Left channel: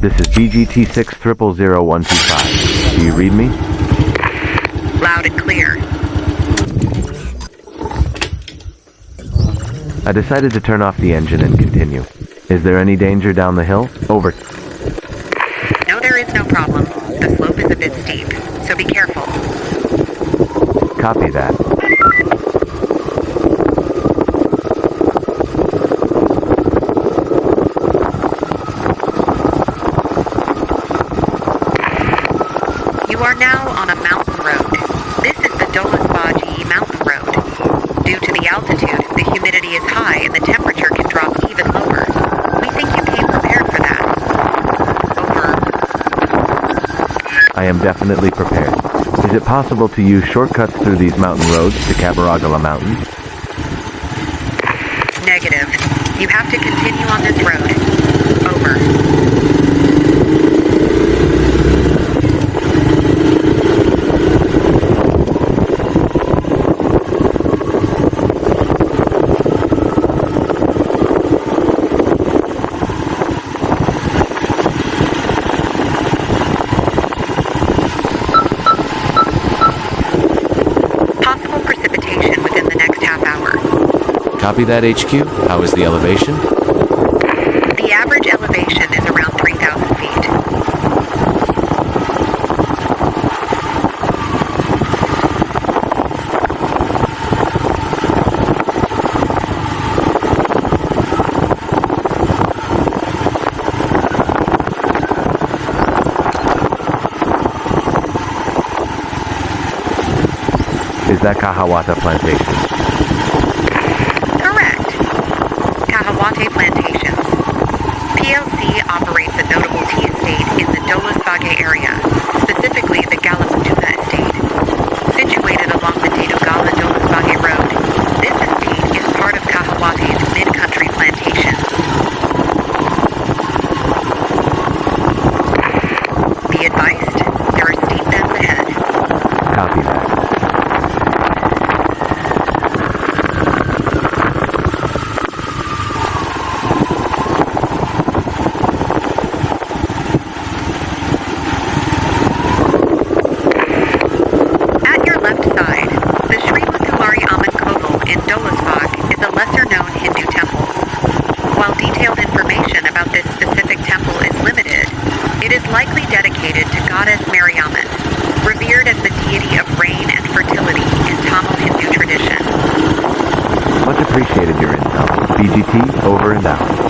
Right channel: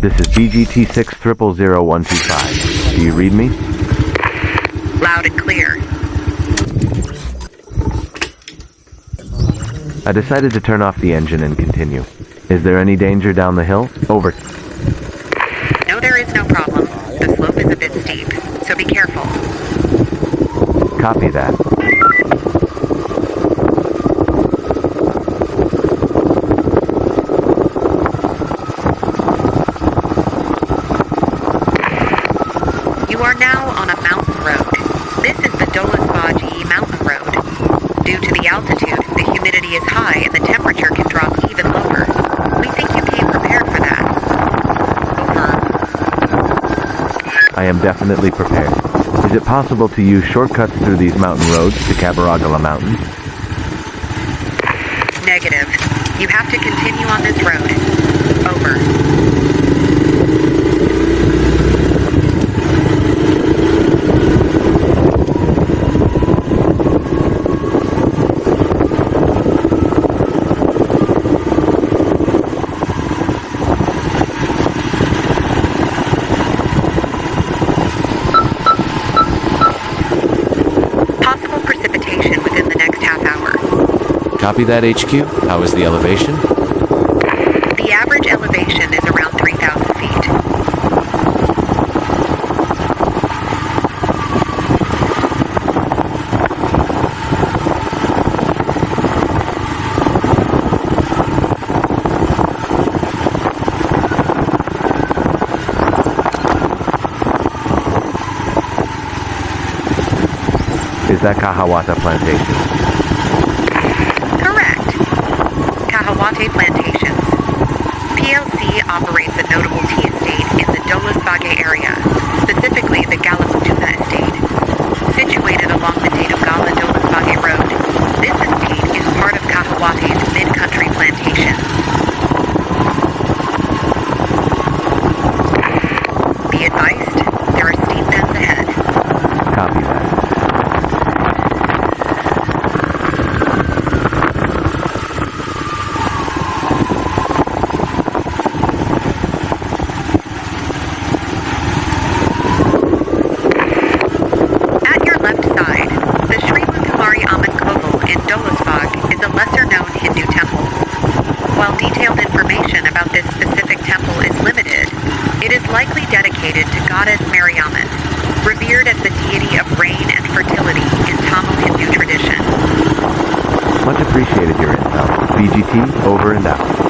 This is BGT 6000125. Do you read me? Loud and clear. I decided to turn off the engine and continue. Is there any danger down the hill? Over. No, there is no problem. The slope is a bit steep, so be careful. Copy that. You are now on a mountain road. This is the Dolosbage Mountain Road. Due to the altitude, the humidity is high and the temperature can drop even lower. We think you came prepared for that. Over. I am definitely prepared. Is it possible to use shortcuts through these mountain roads to Kegalle Mountains? Negative. You have to continue on this road. Over. Possible precipitation within the next half hour. Copy that, HQ. How is the elevation? The average elevation is around 3,000 feet. Is that Kahawata Plantation? Correct. Kahawate Plantations. PLC operates a notable tea estate in the Dolosbage area, specifically the Bulathkohupitiya estate. Situated along the Dedugala Dolosbage Road, this estate is part of Kahawate's mid-country plantations. Be advised, there are steep bends ahead. Copy that. Left side, the Sri Lanka in Dolosbage is a lesser-known Hindu temple. While detailed information about this specific temple is limited, it is likely dedicated to goddess Mariamman, revered as the deity of rain and fertility in Tamil Hindu tradition. Much appreciated your intel. BGT, over and out.